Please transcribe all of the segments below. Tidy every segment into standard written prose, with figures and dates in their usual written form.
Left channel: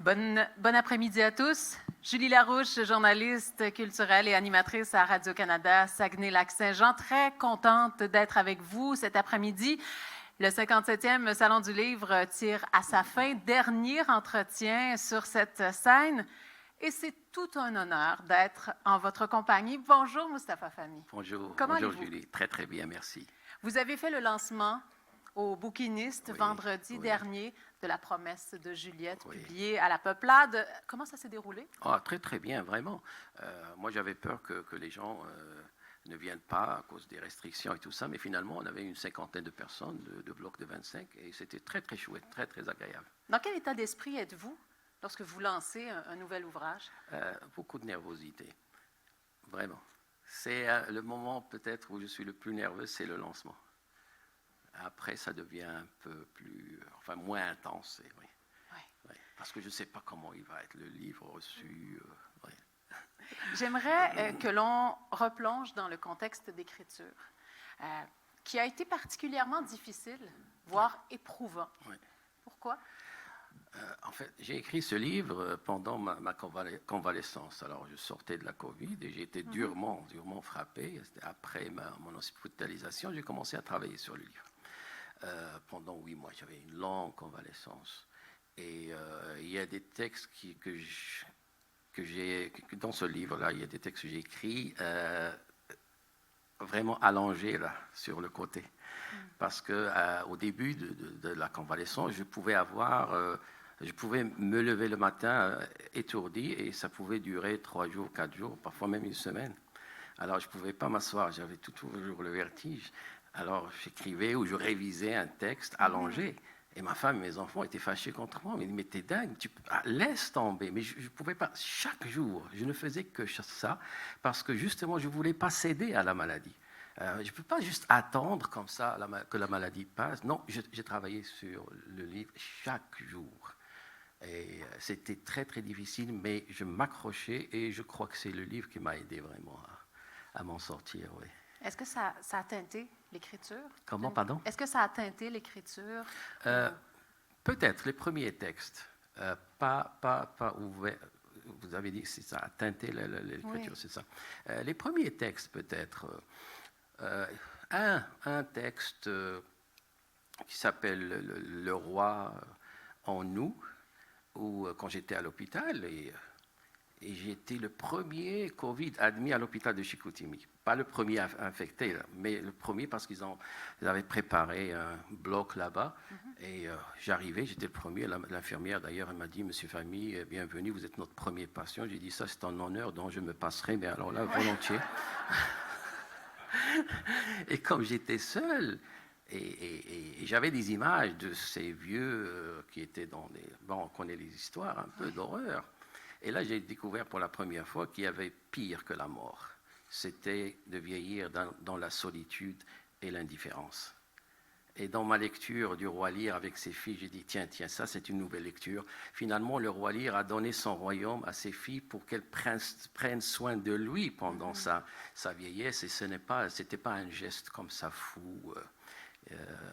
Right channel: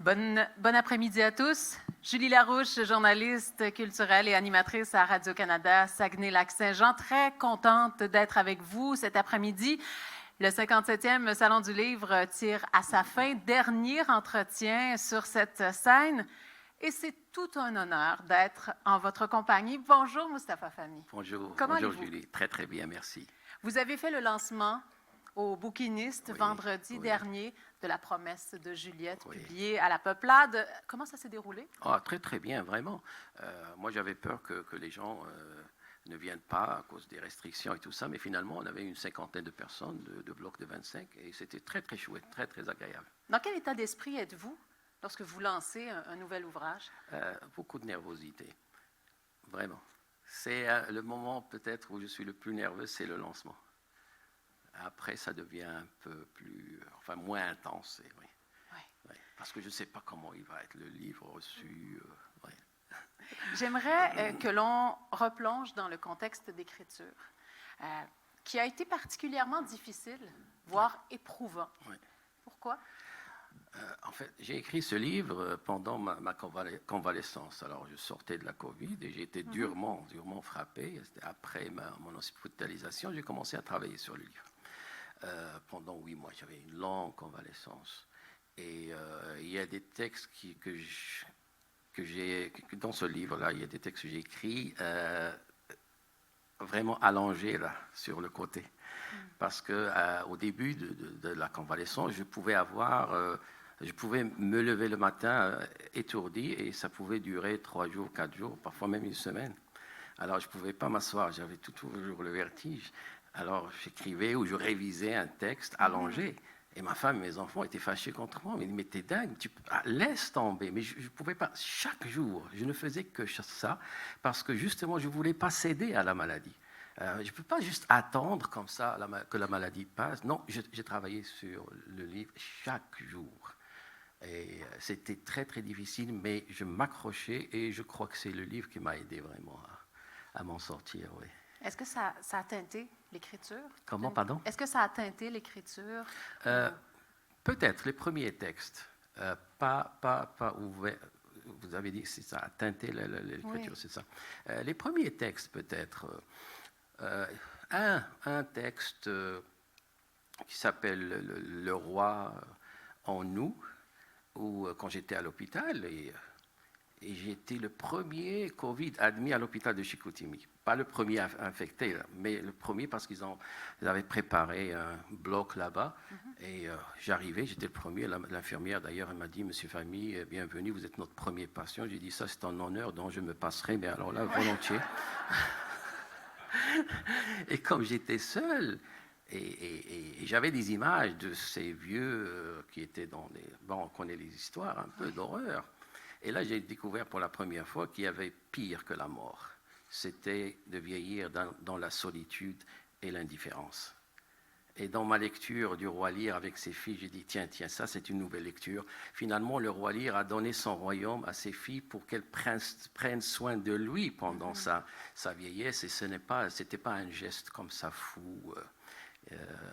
Bon après-midi à tous. Julie Larouche, journaliste culturelle et animatrice à Radio-Canada Saguenay-Lac-Saint-Jean. Très contente d'être avec vous cet après-midi. Le 57e Salon du Livre tire à sa fin. Dernier entretien sur cette scène. Et c'est tout un honneur d'être en votre compagnie. Bonjour, Moustapha Fahmy. Bonjour, Comment bonjour allez-vous? Julie. Très, très bien, merci. Vous avez fait le lancement au Bouquiniste vendredi dernier de La promesse de Juliette, publiée à la Peuplade. Comment ça s'est déroulé? Ah, très, très bien, vraiment. Moi, j'avais peur que les gens ne viennent pas à cause des restrictions et tout ça, mais finalement, on avait une cinquantaine de personnes, de blocs de 25, et c'était très, très chouette, très, très agréable. Dans quel état d'esprit êtes-vous lorsque vous lancez un nouvel ouvrage? Beaucoup de nervosité, vraiment. C'est le moment peut-être où je suis le plus nerveux, c'est le lancement. Après, ça devient un peu plus, enfin, moins intense, oui. Oui. Parce que je ne sais pas comment il va être le livre reçu. Oui. J'aimerais que l'on replonge dans le contexte d'écriture, qui a été particulièrement difficile, voire éprouvant. Oui. Pourquoi? En fait, j'ai écrit ce livre pendant ma convalescence. Alors, je sortais de la COVID et j'ai été durement frappé. C'était après mon hospitalisation, j'ai commencé à travailler sur le livre. Pendant 8 mois, j'avais une longue convalescence. Et il y a des textes dans ce livre-là, il y a des textes que j'ai écrits vraiment allongés là, sur le côté. Parce que au début de la convalescence, je pouvais me lever le matin étourdi et ça pouvait durer 3 jours, 4 jours, parfois même une semaine. Alors je ne pouvais pas m'asseoir, j'avais toujours le vertige. Alors j'écrivais ou je révisais un texte allongé. Et ma femme et mes enfants étaient fâchés contre moi. Mais t'es dingue, laisse tomber. Mais je ne pouvais pas, chaque jour, je ne faisais que ça parce que justement, je ne voulais pas céder à la maladie. Je ne peux pas juste attendre comme ça que la maladie passe. Non, j'ai travaillé sur le livre chaque jour. Et c'était très, très difficile, mais je m'accrochais et je crois que c'est le livre qui m'a aidé vraiment à m'en sortir, oui. Est-ce que ça a teinté l'écriture? Comment, pardon? Est-ce que ça a teinté l'écriture? Peut-être les premiers textes, pas ouverts. Vous avez dit que ça a teinté l'écriture, c'est ça. Les premiers textes, peut-être. Un texte qui s'appelle Le roi en nous, où quand j'étais à l'hôpital, et j'ai été le premier Covid admis à l'hôpital de Chicoutimi. Pas le premier infecté, mais le premier parce qu'ils avaient préparé un bloc là-bas. Et j'arrivais, j'étais le premier. L'infirmière, d'ailleurs, elle m'a dit, Monsieur Fahmy, bienvenue, vous êtes notre premier patient. J'ai dit, ça, c'est un honneur dont je me passerai, mais alors là, volontiers. Et comme j'étais seul, et j'avais des images de ces vieux qui étaient on connaît les histoires, un peu d'horreur. Et là, j'ai découvert pour la première fois qu'il y avait pire que la mort. C'était de vieillir dans la solitude et l'indifférence. Et dans ma lecture du roi Lear avec ses filles, j'ai dit, tiens, ça c'est une nouvelle lecture. Finalement, le roi Lear a donné son royaume à ses filles pour qu'elles prennent soin de lui pendant sa vieillesse. Et c'était pas un geste comme ça fou,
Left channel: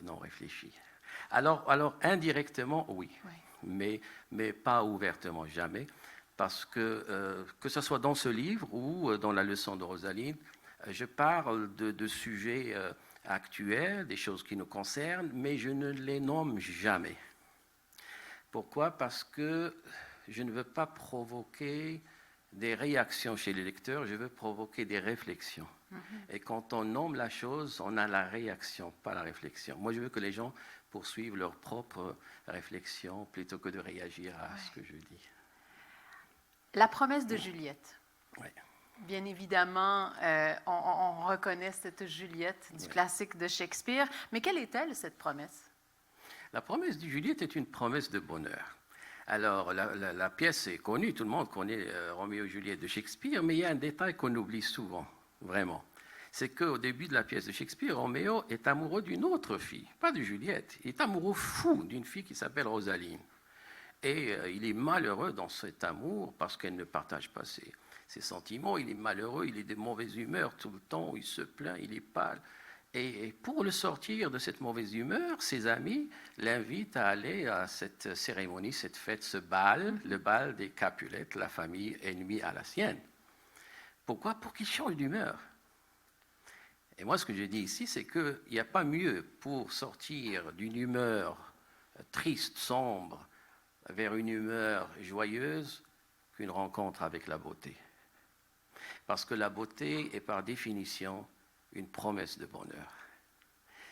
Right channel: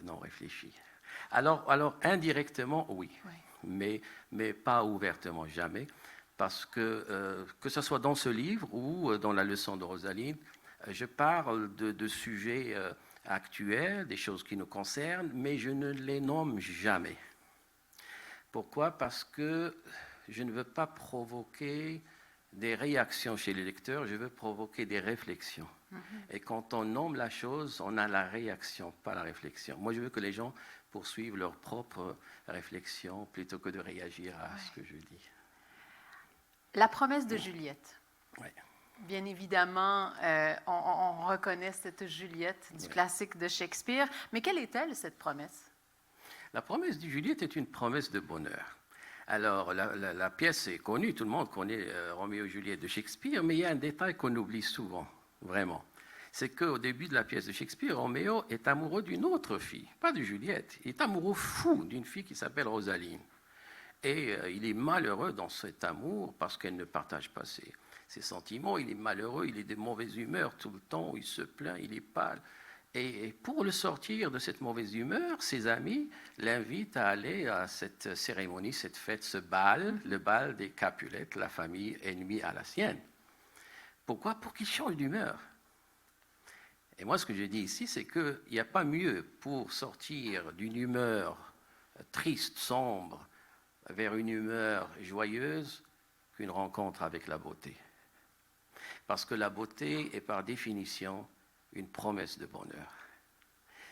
non réfléchi. Alors indirectement, oui. Mais pas ouvertement, jamais. Parce que ce soit dans ce livre ou dans la leçon de Rosaline, je parle de sujets actuels, des choses qui nous concernent, mais je ne les nomme jamais. Pourquoi? Parce que je ne veux pas provoquer des réactions chez les lecteurs, je veux provoquer des réflexions. Et quand on nomme la chose, on a la réaction, pas la réflexion. Moi, je veux que les gens poursuivent leur propre réflexion plutôt que de réagir à ce que je dis. La promesse de Juliette. Oui. Bien évidemment, on reconnaît cette Juliette du classique de Shakespeare. Mais quelle est-elle, cette promesse? La promesse de Juliette est une promesse de bonheur. Alors, la pièce est connue, tout le monde connaît Roméo et Juliette de Shakespeare, mais il y a un détail qu'on oublie souvent, vraiment. C'est qu'au début de la pièce de Shakespeare, Roméo est amoureux d'une autre fille, pas de Juliette. Il est amoureux fou d'une fille qui s'appelle Rosaline. Et il est malheureux dans cet amour parce qu'elle ne partage pas ses sentiments. Il est malheureux, il est de mauvaise humeur tout le temps, il se plaint, il est pâle. Et pour le sortir de cette mauvaise humeur, ses amis l'invitent à aller à cette cérémonie, cette fête, ce bal, le bal des Capulettes, la famille ennemie à la sienne. Pourquoi? Pour qu'il change d'humeur. Et moi, ce que je dis ici, c'est qu'il n'y a pas mieux pour sortir d'une humeur triste, sombre, vers une humeur joyeuse qu'une rencontre avec la beauté. Parce que la beauté est par définition une promesse de bonheur.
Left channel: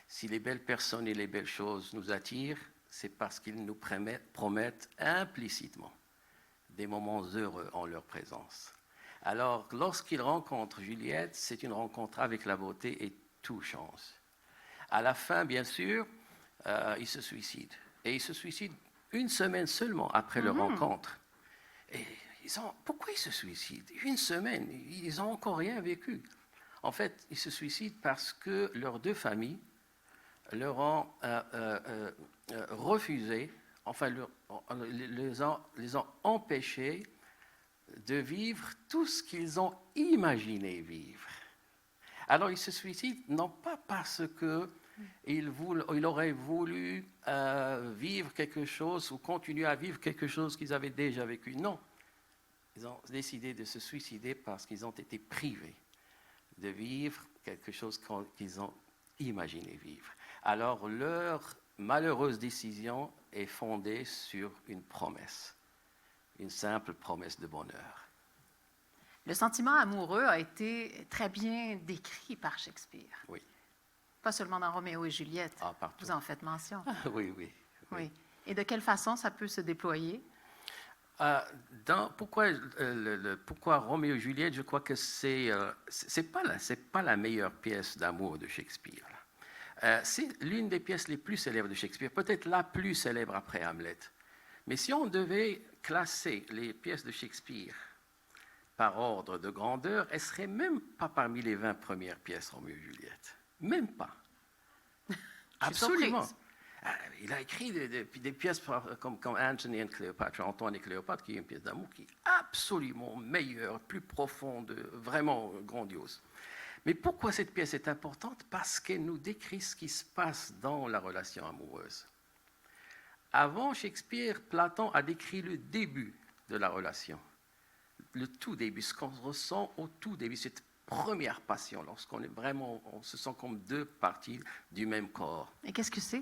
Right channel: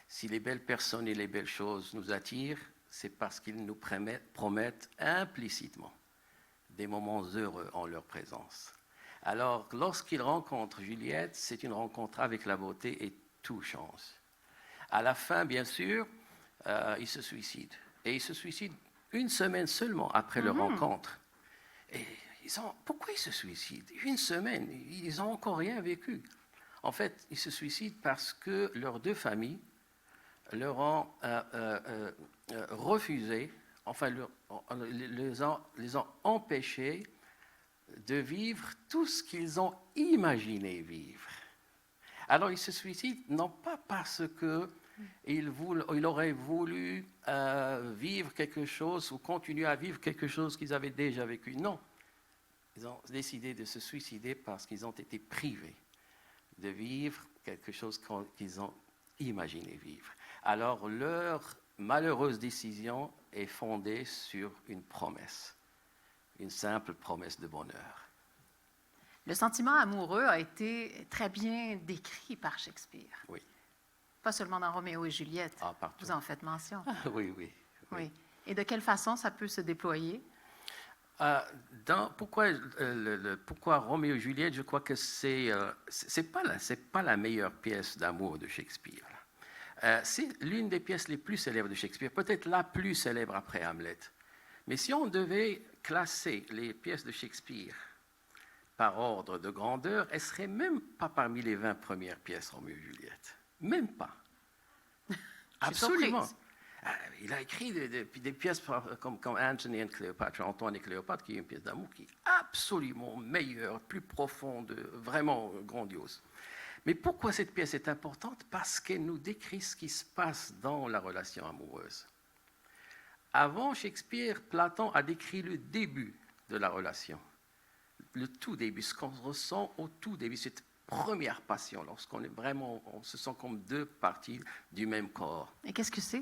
Si les belles personnes et les belles choses nous attirent, c'est parce qu'ils nous promettent implicitement des moments heureux en leur présence. Alors, lorsqu'il rencontre Juliette, c'est une rencontre avec la beauté et tout change. À la fin, bien sûr, il se suicide. Et il se suicide une semaine seulement après leur rencontre. Et pourquoi ils se suicident? Une semaine, ils n'ont encore rien vécu. En fait, ils se suicident parce que leurs deux familles leur ont refusé, enfin, les ont empêchés de vivre tout ce qu'ils ont imaginé vivre. Alors, ils se suicident non pas parce qu'ils auraient voulu vivre quelque chose ou continuer à vivre quelque chose qu'ils avaient déjà vécu. Non. Ils ont décidé de se suicider parce qu'ils ont été privés de vivre quelque chose qu'ils ont imaginé vivre. Alors, leur malheureuse décision est fondée sur une promesse, une simple promesse de bonheur. Le sentiment amoureux a été très bien décrit par Shakespeare. Oui. Pas seulement dans Roméo et Juliette. Ah, partout. Vous en faites mention. Oui. Et de quelle façon ça peut se déployer? Pourquoi Roméo et Juliette? Je crois que c'est pas la meilleure pièce d'amour de Shakespeare. C'est l'une des pièces les plus célèbres de Shakespeare, peut-être la plus célèbre après Hamlet. Mais si on devait classer les pièces de Shakespeare par ordre de grandeur, elle ne serait même pas parmi les 20 premières pièces Roméo et Juliette. Même pas. Absolument. Il a écrit des pièces comme Antony and Cléopâtre, Antoine et Cléopâtre, qui est une pièce d'amour qui est absolument meilleure, plus profonde, vraiment grandiose. Mais pourquoi cette pièce est importante? Parce qu'elle nous décrit ce qui se passe dans la relation amoureuse. Avant Shakespeare, Platon a décrit le début de la relation. Le tout début, ce qu'on ressent au tout début, cette première passion, lorsqu'on est vraiment, on se sent comme deux parties du même corps. Et qu'est-ce que c'est?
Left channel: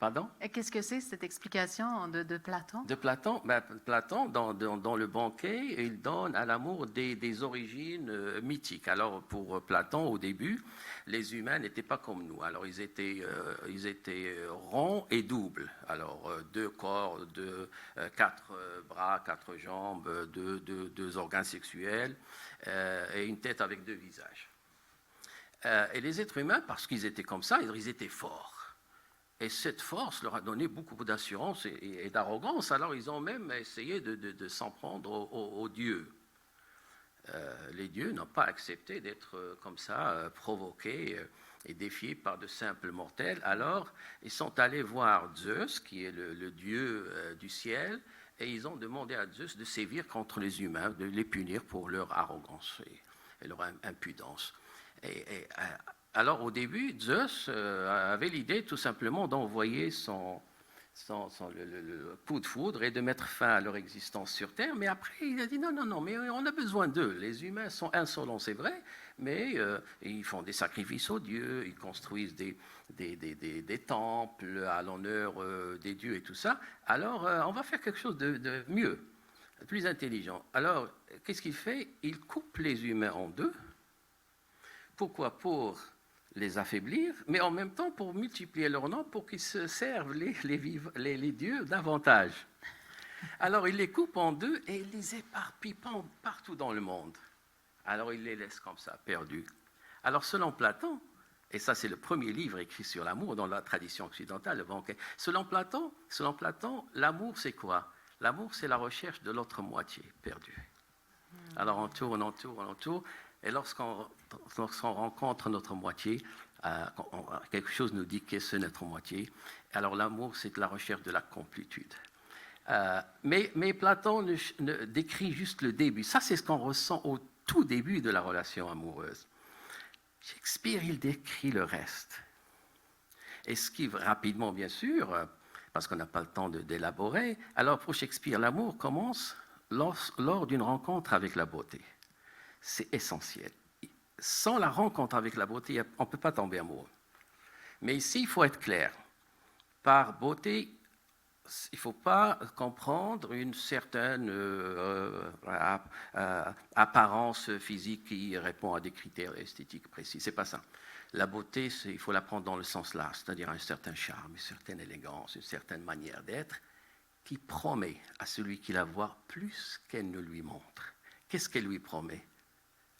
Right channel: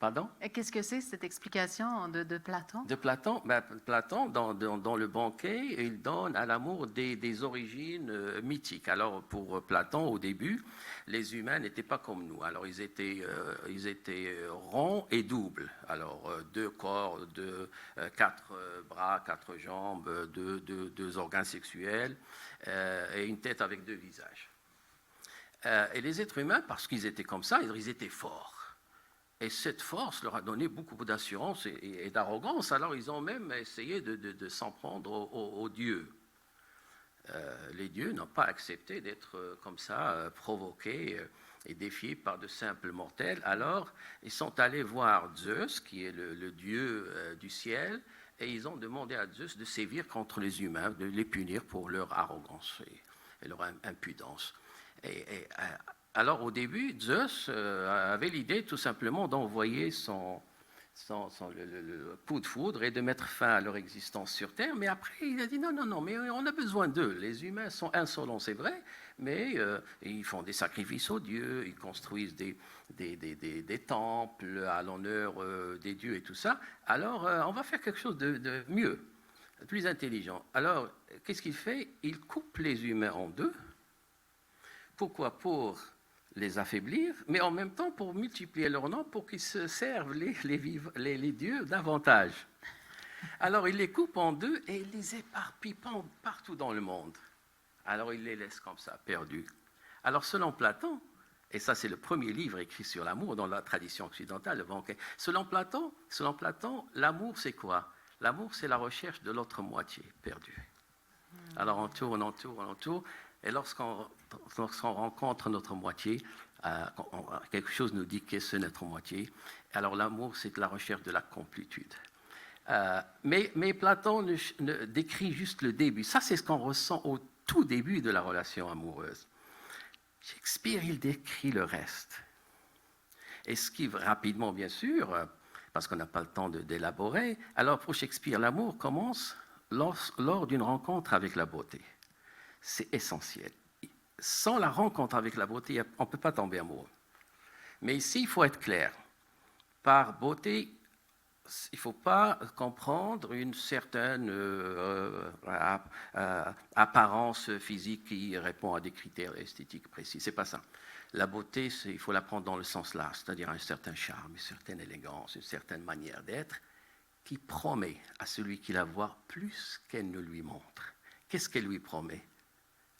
Pardon? Et qu'est-ce que c'est, cette explication de Platon? De Platon, Platon dans le banquet, il donne à l'amour des origines mythiques. Alors, pour Platon, au début, les humains n'étaient pas comme nous. Alors, ils étaient ronds et doubles. Alors, deux corps, quatre bras, quatre jambes, deux organes sexuels et une tête avec deux visages. Et les êtres humains, parce qu'ils étaient comme ça, ils étaient forts. Et cette force leur a donné beaucoup d'assurance et d'arrogance. Alors, ils ont même essayé de s'en prendre aux dieux. Les dieux n'ont pas accepté d'être comme ça, provoqués et défiés par de simples mortels. Alors, ils sont allés voir Zeus, qui est le dieu du ciel, et ils ont demandé à Zeus de sévir contre les humains, de les punir pour leur arrogance et leur impudence. Alors, au début, Zeus avait l'idée tout simplement d'envoyer le coup de foudre et de mettre fin à leur existence sur Terre. Mais après, il a dit non, mais on a besoin d'eux. Les humains sont insolents, c'est vrai, mais ils font des sacrifices aux dieux, ils construisent des temples à l'honneur des dieux et tout ça. Alors, on va faire quelque chose de mieux, de plus intelligent. Alors, qu'est-ce qu'il fait? Il coupe les humains en deux. Pourquoi? Pour les affaiblir, mais en même temps pour multiplier leur nom, pour qu'ils se servent les dieux davantage. Alors il les coupe en deux et il les éparpille partout dans le monde. Alors il les laisse comme ça, perdus. Alors selon Platon, et ça c'est le premier livre écrit sur l'amour dans la tradition occidentale, le banquet. Selon Platon, l'amour c'est quoi? L'amour c'est la recherche de l'autre moitié perdue. Alors on tourne, et lorsqu'on rencontre notre moitié, quelque chose nous dit que c'est notre moitié. Alors l'amour, c'est la recherche de la complétude. Mais Platon décrit juste le début. Ça, c'est ce qu'on ressent au tout début de la relation amoureuse. Shakespeare, il décrit le reste. Et ce qui, rapidement, bien sûr, parce qu'on n'a pas le temps d'élaborer, alors pour Shakespeare, l'amour commence lors d'une rencontre avec la beauté. C'est essentiel. Sans la rencontre avec la beauté, on ne peut pas tomber amoureux. Mais ici, il faut être clair. Par beauté, il ne faut pas comprendre une certaine apparence physique qui répond à des critères esthétiques précis. Ce n'est pas ça. La beauté, il faut la prendre dans le sens large, c'est-à-dire un certain charme, une certaine élégance, une certaine manière d'être qui promet à celui qui la voit plus qu'elle ne lui montre. Qu'est-ce qu'elle lui promet?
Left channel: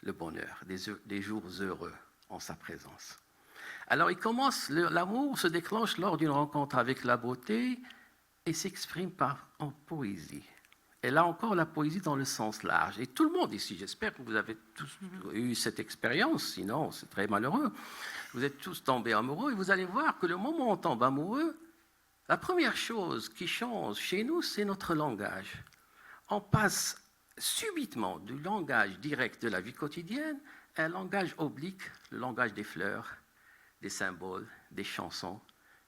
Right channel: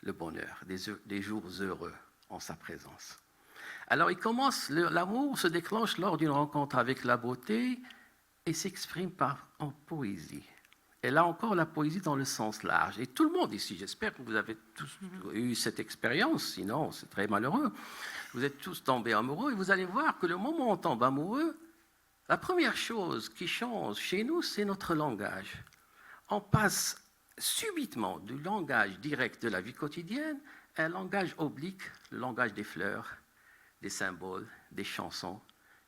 Le bonheur, des jours heureux en sa présence. Alors il commence, l'amour se déclenche lors d'une rencontre avec la beauté et s'exprime en poésie. Et là encore, la poésie dans le sens large. Et tout le monde ici, j'espère que vous avez tous eu cette expérience, sinon c'est très malheureux. Vous êtes tous tombés amoureux et vous allez voir que le moment où on tombe amoureux, la première chose qui change chez nous, c'est notre langage. On passe subitement du langage direct de la vie quotidienne à un langage oblique, le langage des fleurs, des symboles, des chansons,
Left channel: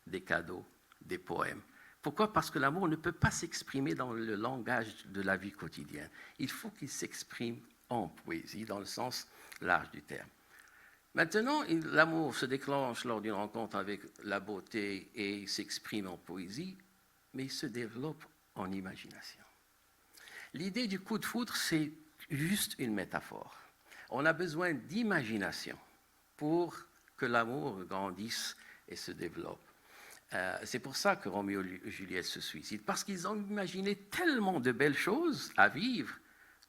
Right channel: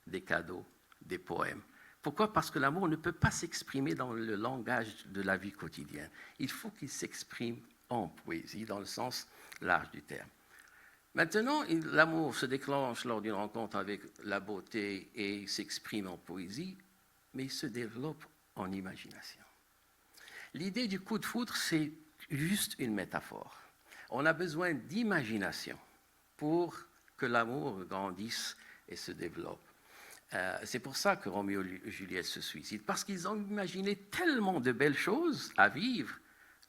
des cadeaux, des poèmes. Pourquoi? Parce que l'amour ne peut pas s'exprimer dans le langage de la vie quotidienne. Il faut qu'il s'exprime en poésie, dans le sens large du terme. Maintenant, l'amour se déclenche lors d'une rencontre avec la beauté et il s'exprime en poésie, mais il se développe en imagination. L'idée du coup de foudre, c'est juste une métaphore. On a besoin d'imagination pour que l'amour grandisse et se développe. C'est pour ça que Roméo et Juliette se suicident, parce qu'ils ont imaginé tellement de belles choses à vivre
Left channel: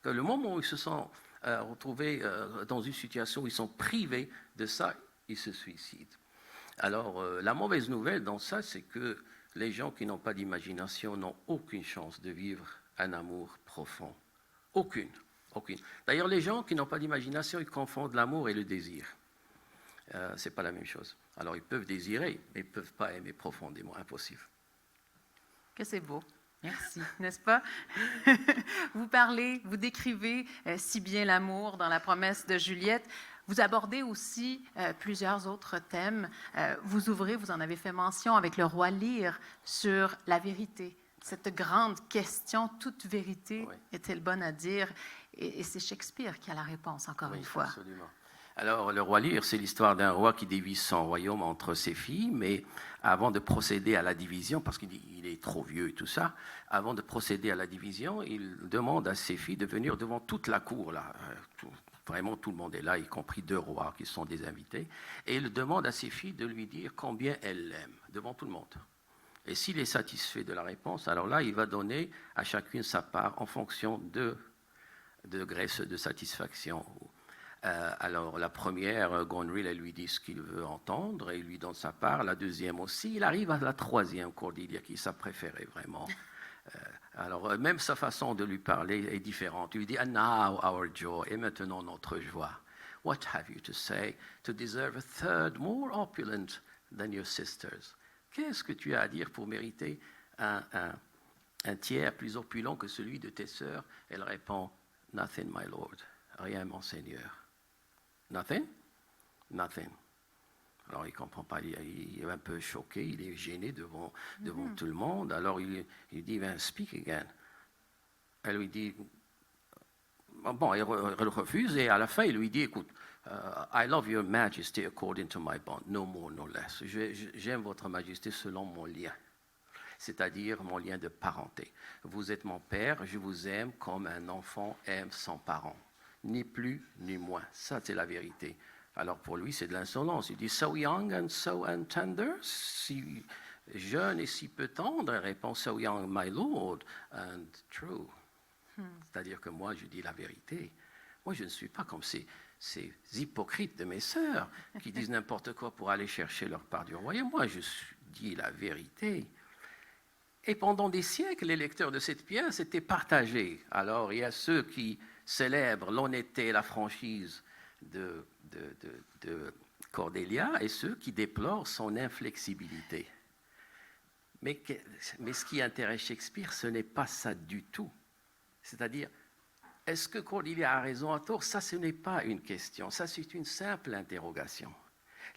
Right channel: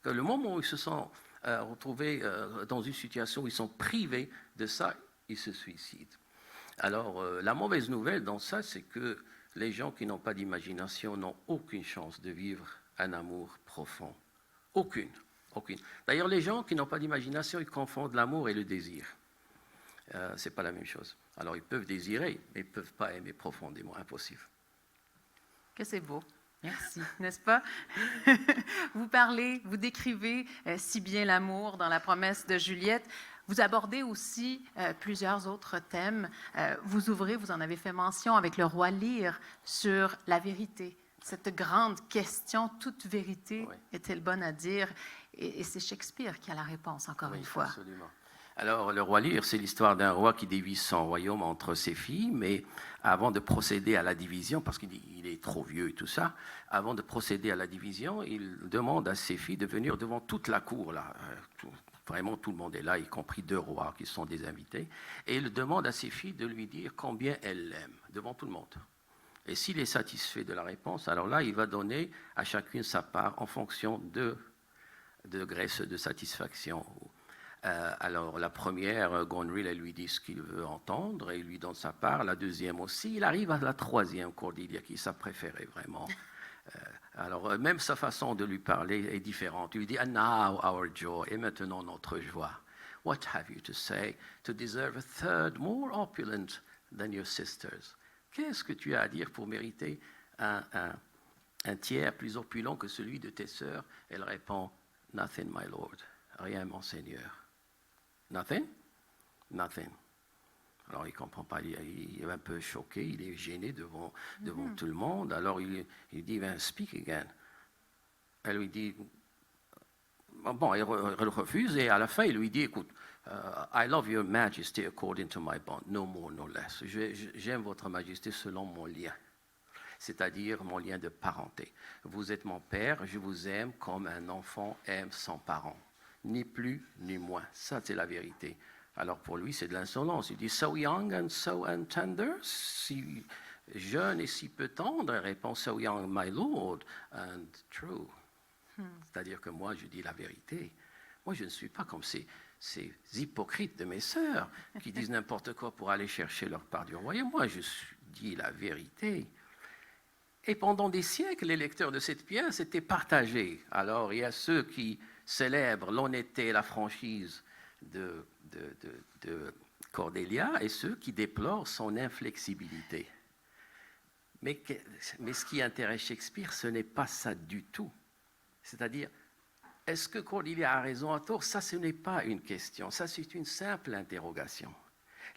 que le moment où ils se sont retrouvés dans une situation où ils sont privés de ça, ils se suicident. Alors, la mauvaise nouvelle dans ça, c'est que les gens qui n'ont pas d'imagination n'ont aucune chance de vivre un amour profond. Aucune. D'ailleurs, les gens qui n'ont pas d'imagination, ils confondent l'amour et le désir. C'est pas la même chose. Alors, ils peuvent désirer, mais ils ne peuvent pas aimer profondément. Impossible. Que c'est beau. Merci, n'est-ce pas? Vous décrivez si bien l'amour dans La promesse de Juliette. Vous abordez aussi plusieurs autres thèmes. Vous en avez fait mention avec le roi Lear sur la vérité. Cette grande question, toute vérité, oui, est-elle bonne à dire? Et c'est Shakespeare qui a la réponse, encore une fois. Absolument. Alors, le roi Lear, c'est l'histoire d'un roi qui divise son royaume entre ses filles, mais avant de procéder à la division, parce qu'il est trop vieux et tout ça, avant de procéder à la division, il demande à ses filles de venir devant toute la cour, là. Vraiment, tout le monde est là, y compris 2 rois qui sont des invités, et il demande à ses filles de lui dire combien elles l'aiment, devant tout le monde. Et s'il est satisfait de la réponse, alors là, il va donner à chacune sa part en fonction de degrés de satisfaction. Alors, la première, Goneril, elle lui dit ce qu'il veut entendre et il lui donne sa part. La deuxième aussi. Il arrive à la troisième, Cordelia, qui est sa préférée, vraiment. Alors, même sa façon de lui parler est différente. Il lui dit, "And now our joy", et maintenant notre joie. "What have you to say to deserve a third more opulent than your sisters?" Qu'est-ce que tu as à dire pour mériter un tiers plus opulent que celui de tes sœurs? Elle répond, "Nothing, my lord." Rien, mon Seigneur. Nothing? Nothing. Alors, il ne comprend pas, il est un peu choqué, il est gêné devant tout le monde. Alors, il dit, "Speak again." Elle lui dit, bon, elle refuse, et à la fin, il lui dit, "Écoute, I love your majesty according to my bond, no more, no less." J'aime votre majesté selon mon lien, c'est-à-dire mon lien de parenté. Vous êtes mon père, je vous aime comme un enfant aime son parent. Ni plus, ni moins. Ça, c'est la vérité. Alors, pour lui, c'est de l'insolence. Il dit, "So young and so tender", si jeune et si peu tendre. Elle répond, "So young, my lord, and true." C'est-à-dire que moi, je dis la vérité. Moi, je ne suis pas comme ces hypocrites de mes sœurs qui disent n'importe quoi pour aller chercher leur part du royaume. Moi, je dis la vérité. Et pendant des siècles, les lecteurs de cette pièce étaient partagés. Alors, il y a ceux qui célèbrent l'honnêteté et la franchise de Cordelia et ceux qui déplorent son inflexibilité. Mais ce qui intéresse Shakespeare, ce n'est pas ça du tout. C'est-à-dire, est-ce que Cordelia a raison à tort? Ça, ce n'est pas une question, ça c'est une simple interrogation.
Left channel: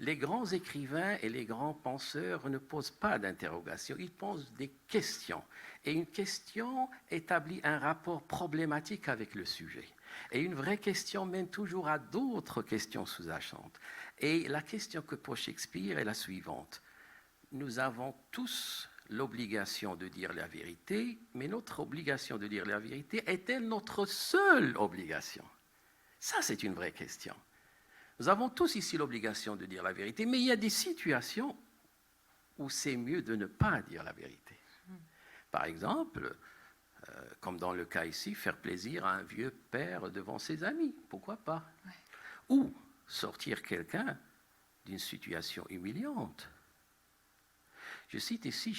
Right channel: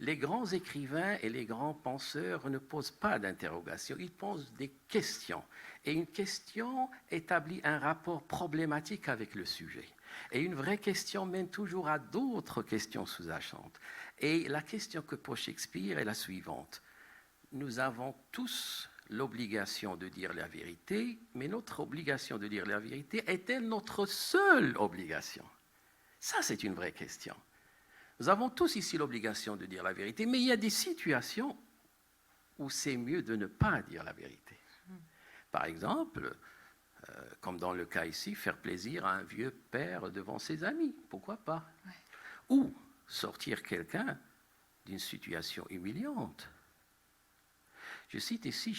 Les grands écrivains et les grands penseurs ne posent pas d'interrogation, ils posent des questions. Et une question établit un rapport problématique avec le sujet. Et une vraie question mène toujours à d'autres questions sous-jacentes. Et la question que pose Shakespeare est la suivante. Nous avons tous l'obligation de dire la vérité, mais notre obligation de dire la vérité est-elle notre seule obligation? Ça, c'est une vraie question. Nous avons tous ici l'obligation de dire la vérité, mais il y a des situations où c'est mieux de ne pas dire la vérité. Par exemple, comme dans le cas ici, faire plaisir à un vieux père devant ses amis, pourquoi pas? Ou sortir quelqu'un d'une situation humiliante. Je cite ici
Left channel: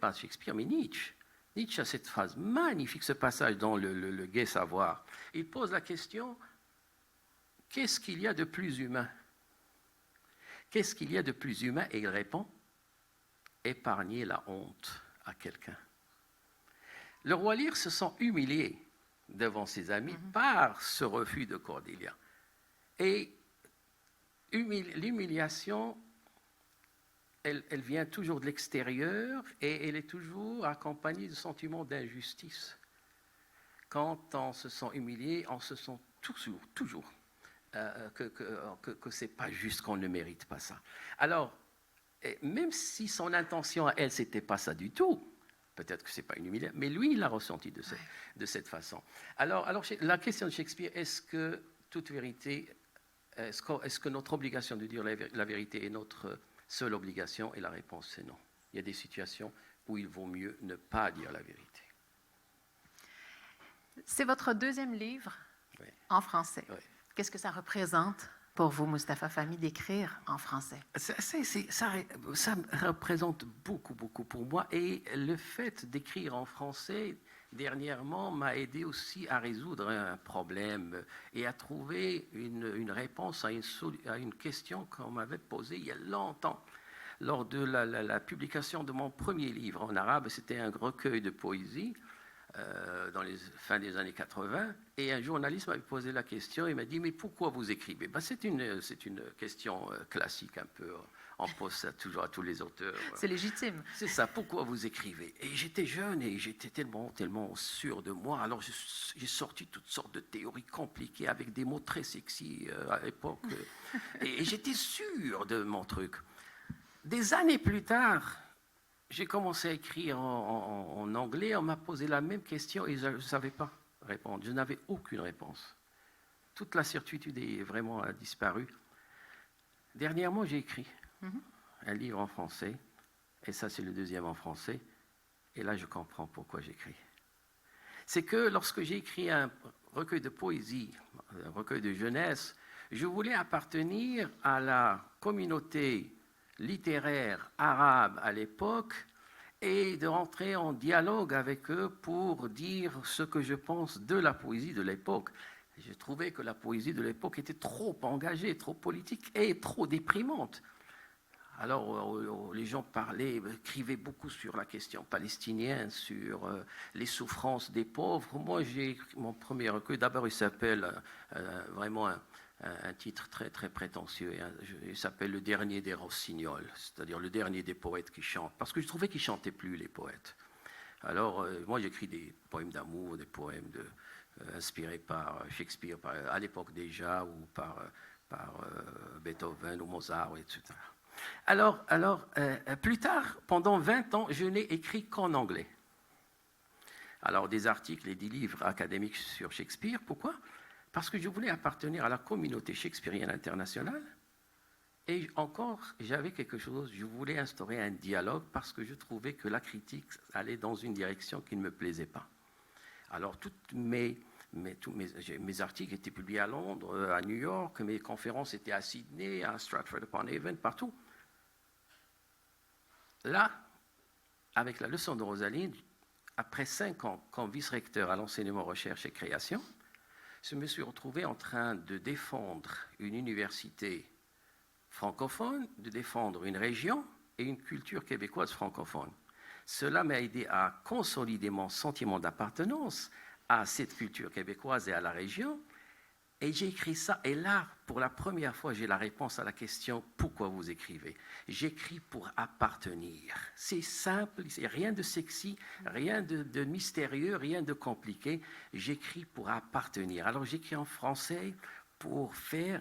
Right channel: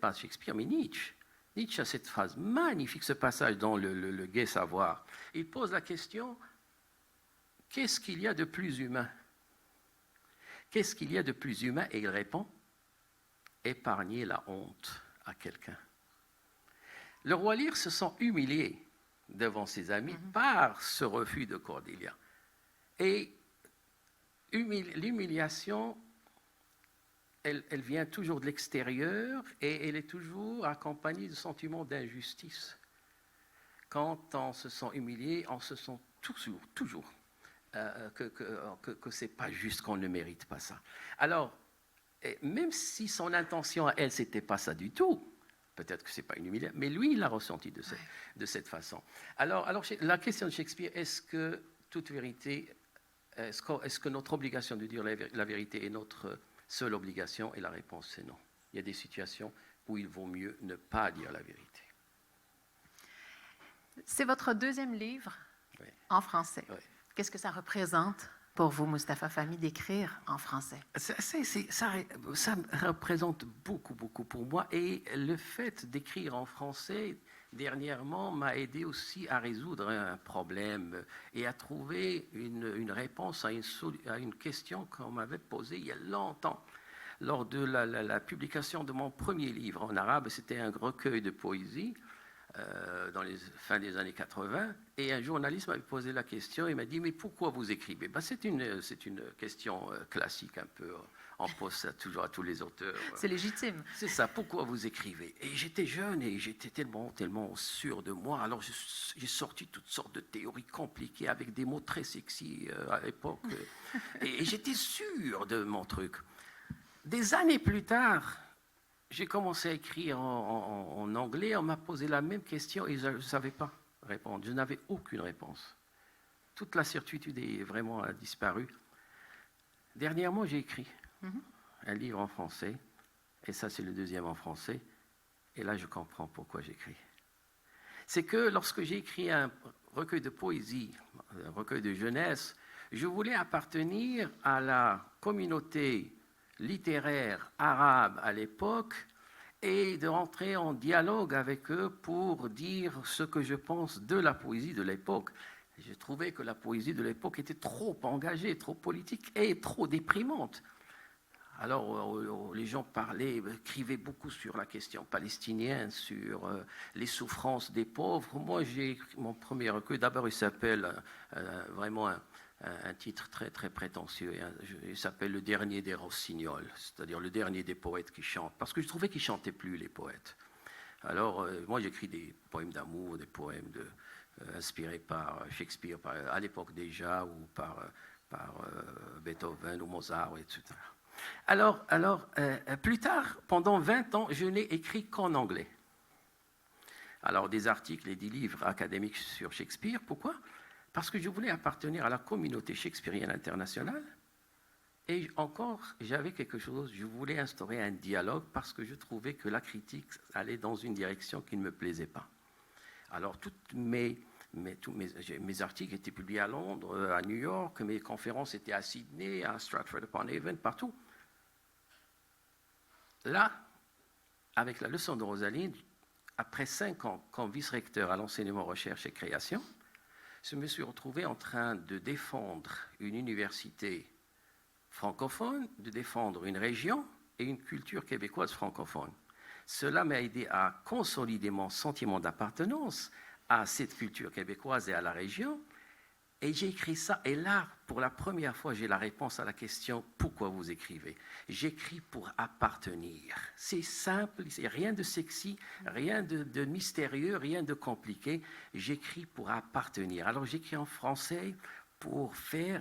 pas Shakespeare, mais Nietzsche. Nietzsche a cette phrase magnifique, ce passage dans le Gai Savoir. Il pose la question, qu'est-ce qu'il y a de plus humain? Qu'est-ce qu'il y a de plus humain? Et il répond, épargner la honte à quelqu'un. Le roi Lear se sent humilié devant ses amis par ce refus de Cordelia. Et l'humiliation, elle vient toujours de l'extérieur et elle est toujours accompagnée du sentiment d'injustice. Quand on se sent humilié, on se sent toujours que ce n'est pas juste, qu'on ne mérite pas ça. Alors, même si son intention à elle, ce n'était pas ça du tout, peut-être que ce n'est pas une humiliation, mais lui, il l'a ressenti de cette façon. Alors, la question de Shakespeare, est-ce que toute vérité, est-ce que notre obligation de dire la vérité est notre seule obligation? Et la réponse, c'est non. Il y a des situations où il vaut mieux ne pas dire la vérité. C'est votre deuxième livre en français. Oui. Qu'est-ce que ça représente pour vous, Mustapha Fahmy, d'écrire en français? Ça représente beaucoup pour moi. Et le fait d'écrire en français, dernièrement, m'a aidé aussi à résoudre un problème et à trouver une réponse à une question qu'on m'avait posée il y a longtemps. Lors de la publication de mon premier livre en arabe, c'était un recueil de poésie dans les fins des années 80, et un journaliste m'avait posé la question, il m'a dit, mais pourquoi vous écrivez? C'est une question classique, un peu, on pose ça toujours à tous les auteurs. C'est légitime. C'est ça, pourquoi vous écrivez? Et j'étais jeune et j'étais tellement sûr de moi, alors j'ai sorti toutes sortes de théories compliquées avec des mots très sexy à l'époque, et j'étais sûr de mon truc. Des années plus tard, j'ai commencé à écrire en anglais, on m'a posé la même question et je ne savais pas répondre, je n'avais aucune réponse. Toute la certitude est vraiment disparue. Dernièrement, j'ai écrit un livre en français, et ça c'est le deuxième en français, et là je comprends pourquoi j'écris. C'est que lorsque j'ai écrit un recueil de poésie, un recueil de jeunesse, je voulais appartenir à la communauté littéraire arabe à l'époque et de rentrer en dialogue avec eux pour dire ce que je pense de la poésie de l'époque. Je trouvais que la poésie de l'époque était trop engagée, trop politique et trop déprimante. Alors les gens écrivaient beaucoup sur la question palestinienne, sur les souffrances des pauvres. Moi, j'ai écrit mon premier recueil, d'abord il s'appelle vraiment un titre très, très prétentieux. Il s'appelle Le dernier des rossignols, c'est-à-dire le dernier des poètes qui chantent, parce que je trouvais qu'ils ne chantaient plus, les poètes. Alors, moi, j'écris des poèmes d'amour, des poèmes inspirés par Shakespeare, à l'époque déjà, ou par Beethoven ou Mozart, etc. Alors plus tard, pendant 20 ans, je n'ai écrit qu'en anglais. Alors, des articles et des livres académiques sur Shakespeare, pourquoi ? Parce que je voulais appartenir à la communauté shakespearienne internationale. Et encore, j'avais quelque chose, je voulais instaurer un dialogue parce que je trouvais que la critique allait dans une direction qui ne me plaisait pas. Alors, tous mes articles étaient publiés à Londres, à New York, mes conférences étaient à Sydney, à Stratford-upon-Avon, partout. Là, avec la leçon de Rosaline, après 5 ans comme vice-recteur à l'enseignement, recherche et création, je me suis retrouvé en train de défendre une université francophone, de défendre une région et une culture québécoise francophone. Cela m'a aidé à consolider mon sentiment d'appartenance à cette culture québécoise et à la région. Et j'ai écrit ça, et là, pour la première fois, j'ai la réponse à la question « Pourquoi vous écrivez ?» J'écris pour appartenir. C'est simple, c'est rien de sexy, rien de mystérieux, rien de compliqué. J'écris pour appartenir. Alors j'écris en français pour faire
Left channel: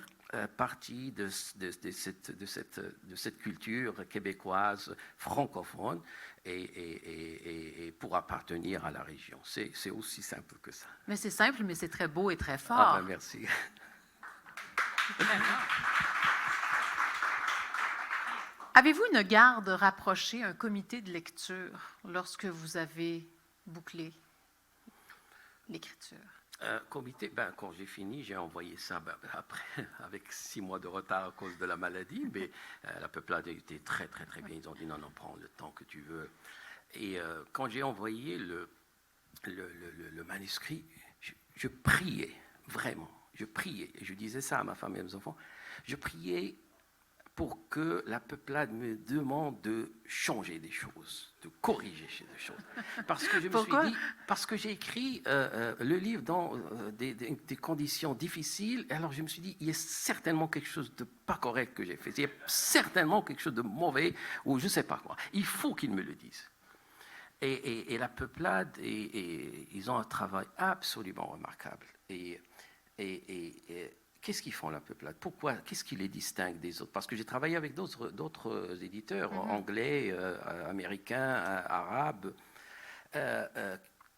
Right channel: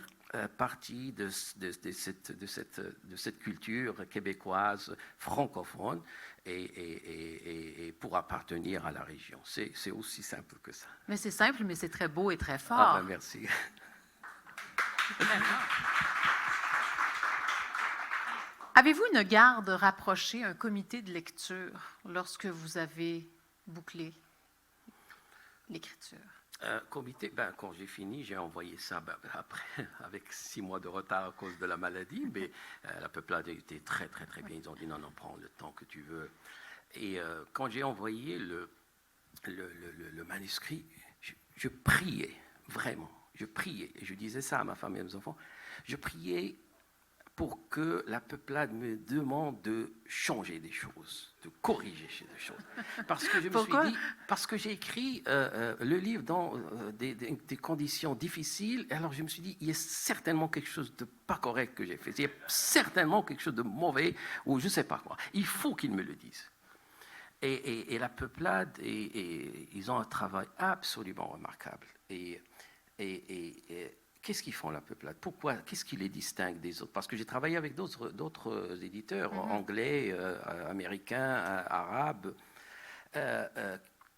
partie de cette culture québécoise, francophone, et pour appartenir à la région. C'est aussi simple que ça. Mais c'est simple, mais c'est très beau et très fort. Ah, ben merci. Avez-vous une garde rapprochée, un comité de lecture, lorsque vous avez bouclé l'écriture? Comité, quand j'ai fini, j'ai envoyé ça après, avec 6 mois de retard à cause de la maladie, mais la peuplade a été très, très, très bien. Ils ont dit non, prends le temps que tu veux. Et quand j'ai envoyé le manuscrit, je priais, vraiment, je priais. Et je disais ça à ma femme et à mes enfants. Je priais pour que la peuplade me demande de changer des choses, de corriger des choses. Parce que je me suis dit, parce que j'ai écrit le livre dans des conditions difficiles, alors je me suis dit, il y a certainement quelque chose de pas correct que j'ai fait, il y a certainement quelque chose de mauvais, ou je ne sais pas quoi. Il faut qu'ils me le disent. Et la peuplade, ils ont un travail absolument remarquable. Et qu'est-ce qu'ils font, la peuplade? Pourquoi? Qu'est-ce qui les distingue des autres? Parce que j'ai travaillé avec d'autres éditeurs anglais, américains, arabes,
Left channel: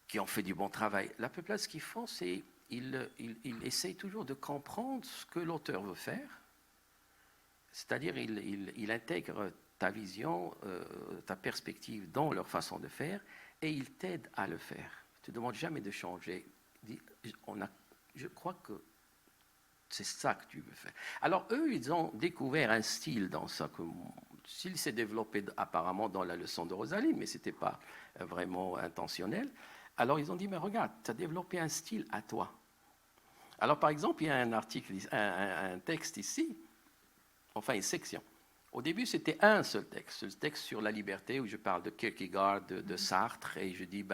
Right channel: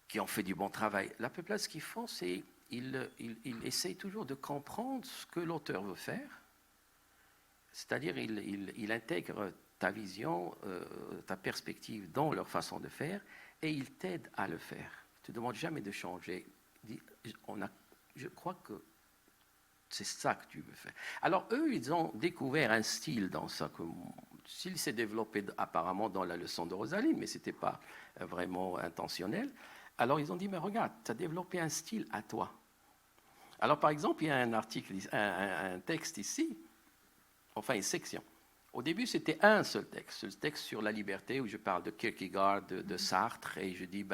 qui ont fait du bon travail. La peuplade, ce qu'ils font, c'est qu'ils essayent toujours de comprendre ce que l'auteur veut faire. C'est-à-dire, ils intègrent ta vision, ta perspective dans leur façon de faire, et ils t'aident à le faire. Tu ne demandes jamais de changer. Je crois que c'est ça que tu veux faire. Alors, eux, ils ont découvert un style dans ça, style s'est développé apparemment dans la leçon de Rosaline, mais ce n'était pas vraiment intentionnel. Alors, ils ont dit, mais regarde, tu as développé un style à toi. Alors, par exemple, il y a un article, un texte ici, enfin une section. Au début, c'était un seul texte, le texte sur la liberté, où je parle de Kierkegaard, de Sartre, et je dis,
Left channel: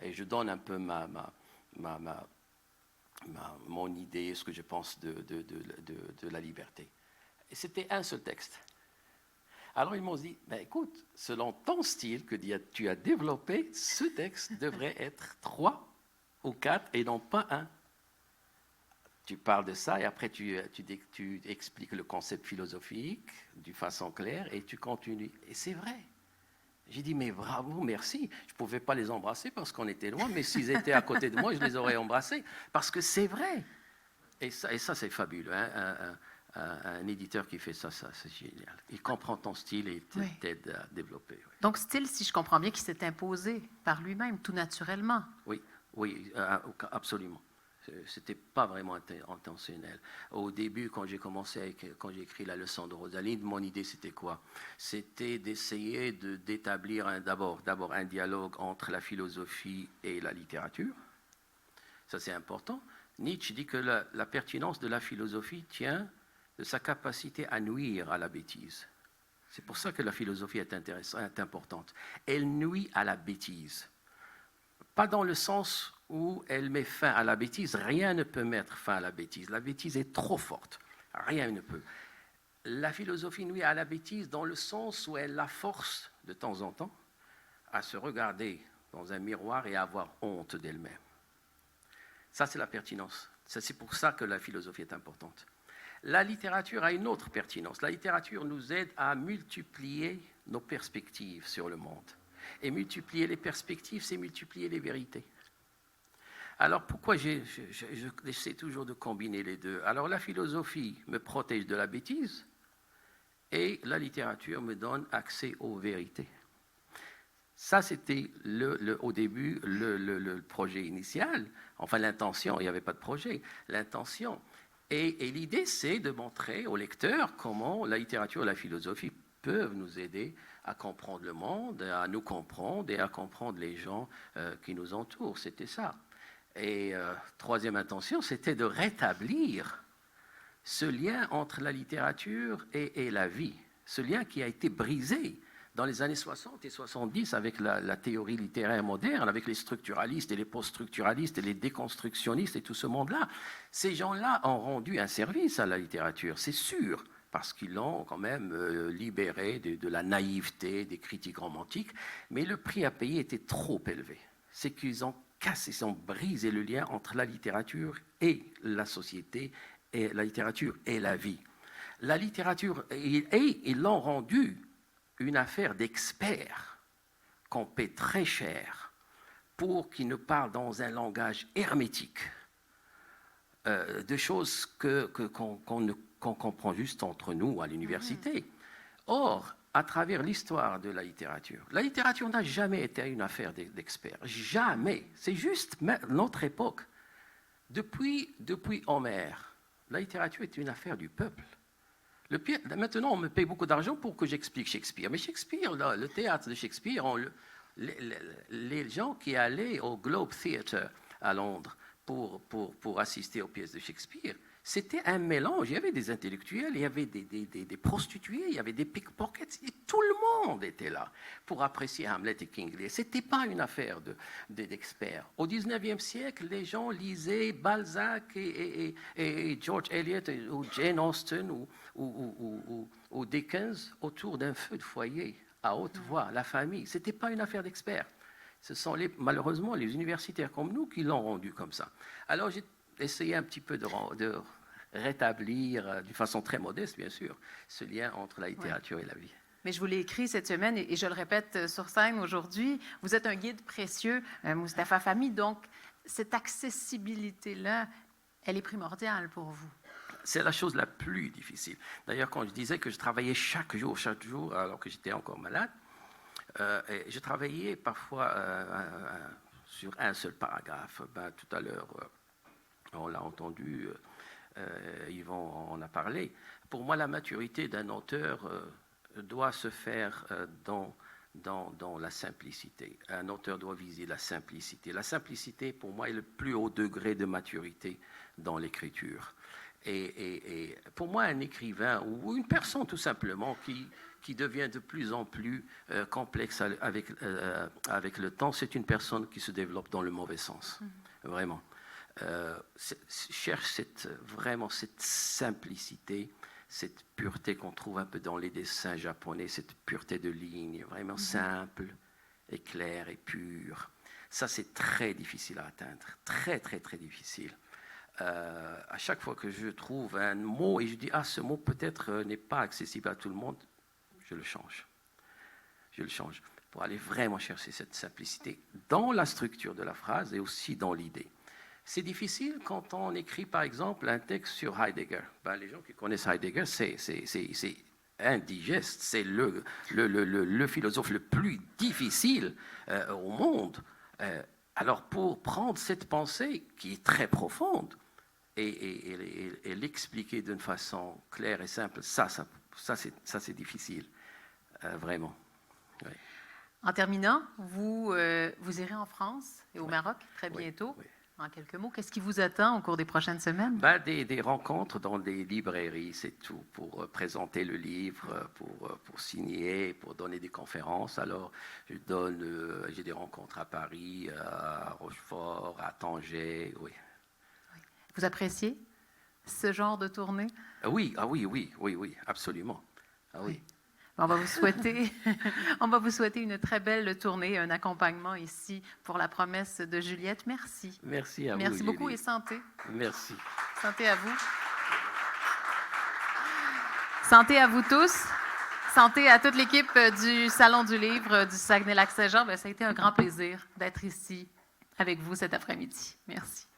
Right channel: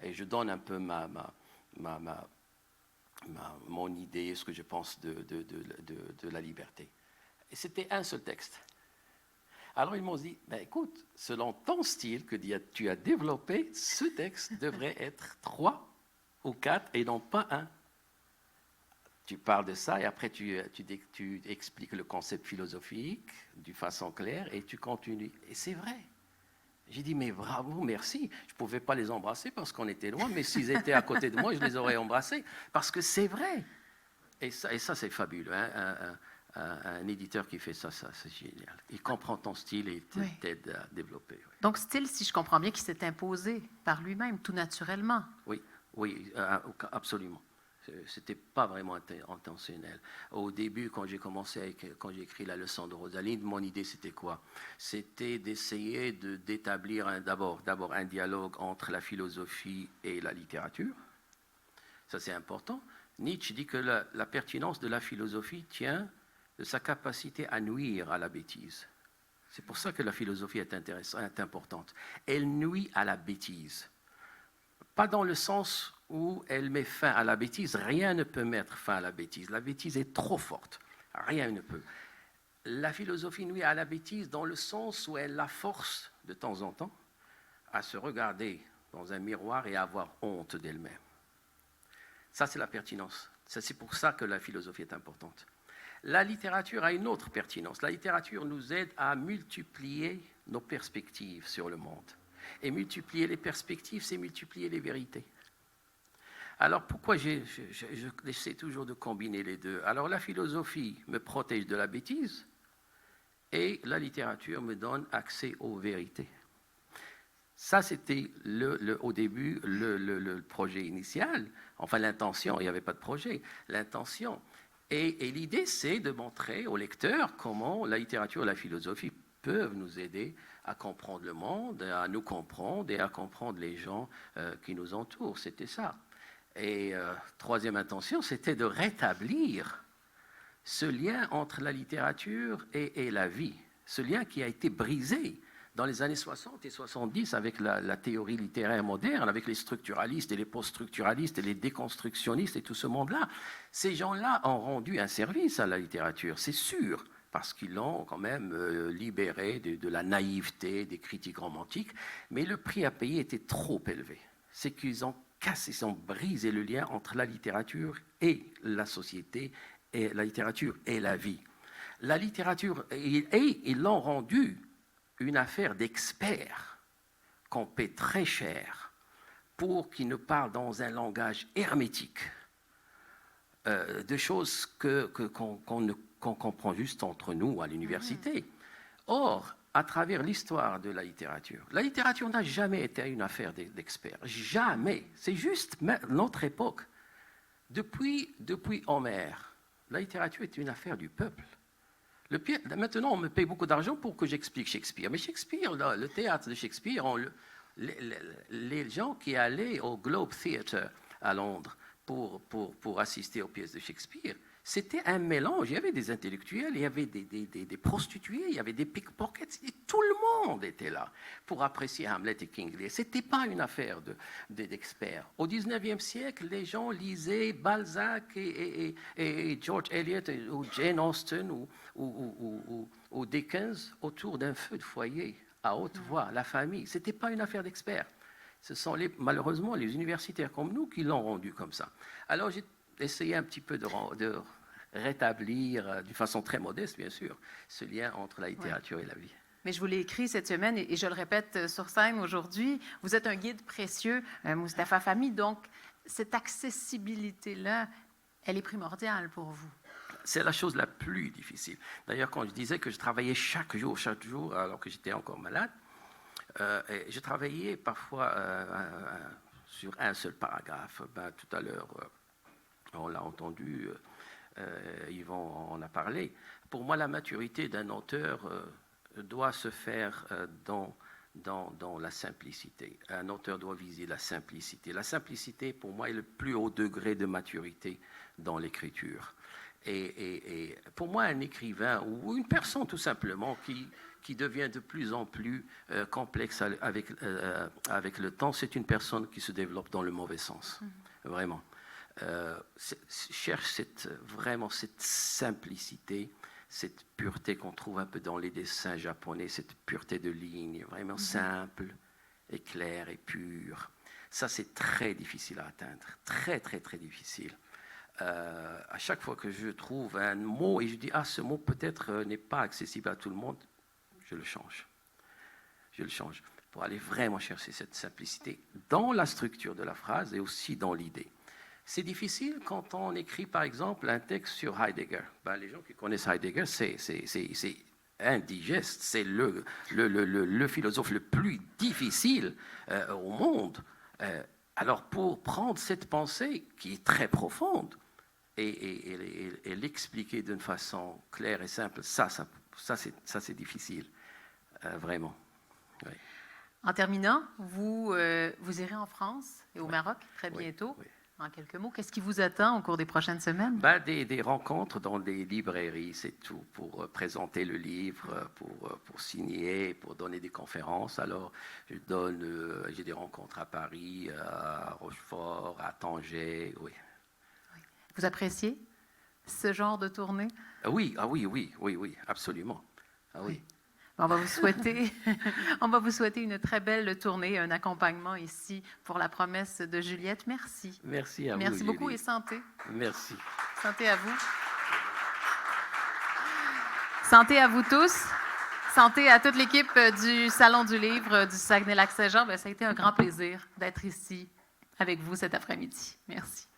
et je donne un peu mon idée, ce que je pense de la liberté. Et c'était un seul texte. Alors ils m'ont dit, écoute, selon ton style que tu as développé, ce texte devrait être 3 ou 4 et non pas 1. Tu parles de ça et après tu expliques le concept philosophique d'une façon claire et tu continues. Et c'est vrai. J'ai dit, mais bravo, merci. Je ne pouvais pas les embrasser parce qu'on était loin, mais s'ils étaient à côté de moi, je les aurais embrassés. Parce que c'est vrai. Et ça c'est fabuleux. Hein? Un éditeur qui fait ça, c'est génial. Il comprend ton style et t'aide à développer. Oui. Donc, style, si je comprends bien, qui s'est imposé par lui-même, tout naturellement. Oui, absolument. C'était pas vraiment intentionnel. Au début, quand j'ai écrit la leçon de Rosaline, mon idée c'était quoi? C'était d'essayer d'établir d'abord un dialogue entre la philosophie et la littérature. Ça c'est important. Nietzsche dit que la pertinence de la philosophie tient de sa capacité à nuire à la bêtise. C'est pour ça que la philosophie est importante. Elle nuit à la bêtise. Pas dans le sens où elle met fin à la bêtise. Rien ne peut mettre fin à la bêtise. La bêtise est trop forte. Rien ne peut. La philosophie nuit à la bêtise dans le sens où elle la force, de temps en temps, à se regarder dans un miroir et à avoir honte d'elle-même. Ça, c'est la pertinence. C'est pour ça que la philosophie est importante. La littérature a une autre pertinence. La littérature nous aide à multiplier nos perspectives sur le monde. Et multiplier les perspectives, c'est multiplier les vérités. Alors pourquoi j'essaie toujours de combiner les deux? Alors la philosophie me protège de la bêtise et la littérature me donne accès aux vérités. Ça, c'était au début le projet initial. Enfin, l'intention, il n'y avait pas de projet. L'intention. Et l'idée, c'est de montrer au lecteur comment la littérature et la philosophie peuvent nous aider à comprendre le monde, à nous comprendre et à comprendre les gens qui nous entourent. C'était ça. Et troisième intention, c'était de rétablir ce lien entre la littérature et la vie. Ce lien qui a été brisé Dans les années 60 et 70, avec la théorie littéraire moderne, avec les structuralistes et les post-structuralistes et les déconstructionnistes et tout ce monde-là, ces gens-là ont rendu un service à la littérature, c'est sûr, parce qu'ils l'ont quand même libéré de la naïveté des critiques romantiques, mais le prix à payer était trop élevé. C'est qu'ils ont cassé, ils ont brisé le lien entre la littérature et la société, et la littérature et la vie. La littérature, et ils l'ont rendue une affaire d'experts qu'on paie très cher pour qu'ils nous parlent dans un langage hermétique de choses qu'on comprend juste entre nous à l'université. Or, à travers l'histoire de la littérature n'a jamais été une affaire d'experts. Jamais. C'est juste notre époque. Depuis Homère, la littérature est une affaire du peuple. Maintenant, on me paye beaucoup d'argent pour que j'explique Shakespeare. Mais Shakespeare, le théâtre de Shakespeare, les gens qui allaient au Globe Theatre à Londres pour assister aux pièces de Shakespeare, c'était un mélange. Il y avait des intellectuels, il y avait des prostituées, il y avait des pickpockets. Et tout le monde était là pour apprécier Hamlet et King Lear. Ce n'était pas une affaire d'experts. Au XIXe siècle, les gens lisaient Balzac et George Eliot ou Jane Austen ou Dickens autour d'un feu de foyer à haute voix, la famille. Ce n'était pas une affaire d'experts. Ce sont malheureusement les universitaires comme nous qui l'ont rendu comme ça. Alors j'ai essayé un petit peu de rétablir, d'une façon très modeste bien sûr, ce lien entre la littérature et la vie. Mais je vous l'ai écrit cette semaine et je le répète sur scène aujourd'hui. Vous êtes un guide précieux, Mustapha Fahmy, donc cette accessibilité-là, elle est primordiale pour vous. C'est la chose la plus difficile. D'ailleurs, quand je disais que je travaillais chaque jour, alors que j'étais encore malade, je travaillais parfois sur un seul paragraphe. Tout à l'heure, on l'a entendu, Yvon en a parlé. Pour moi, la maturité d'un auteur doit se faire dans la simplicité. Un auteur doit viser la simplicité. La simplicité, pour moi, est le plus haut degré de maturité dans l'écriture. Et pour moi, un écrivain ou une personne tout simplement qui devient de plus en plus complexe avec le temps, c'est une personne qui se développe dans le mauvais sens, vraiment. Cherche vraiment cette simplicité, cette pureté qu'on trouve un peu dans les dessins japonais, cette pureté de ligne, vraiment simple et claire et pure. Ça, c'est très difficile à atteindre, très, très, très difficile. À chaque fois que je trouve un mot et je dis ce mot peut-être n'est pas accessible à tout le monde, je le change pour aller vraiment chercher cette simplicité dans la structure de la phrase et aussi dans l'idée. C'est difficile quand on écrit par exemple un texte sur Heidegger. Les gens qui connaissent Heidegger, c'est indigeste, c'est le philosophe le plus difficile au monde. Alors pour prendre cette pensée qui est très profonde et l'expliquer d'une façon claire et simple, ça c'est difficile, vraiment. Oui. En terminant, vous irez en France et au Maroc très bientôt. Oui. En quelques mots, qu'est-ce qui vous attend au cours des prochaines semaines? Des rencontres dans des librairies, c'est tout, pour présenter le livre, pour signer, pour donner des conférences. Alors, j'ai des rencontres à Paris, à Rochefort, à Tanger, oui. Vous appréciez ce genre de tournée? Oui, absolument. Oui. On va vous souhaiter une très belle tournée, un accompagnement ici pour la promesse de Juliette. Merci. Merci à vous. Merci beaucoup et santé. Merci. Santé à vous. Santé à vous tous. Santé à toute l'équipe du Salon du Livre du Saguenay-Lac-Saint-Jean. Ça a été un grand plaisir d'être ici avec vous cet après-midi. Merci.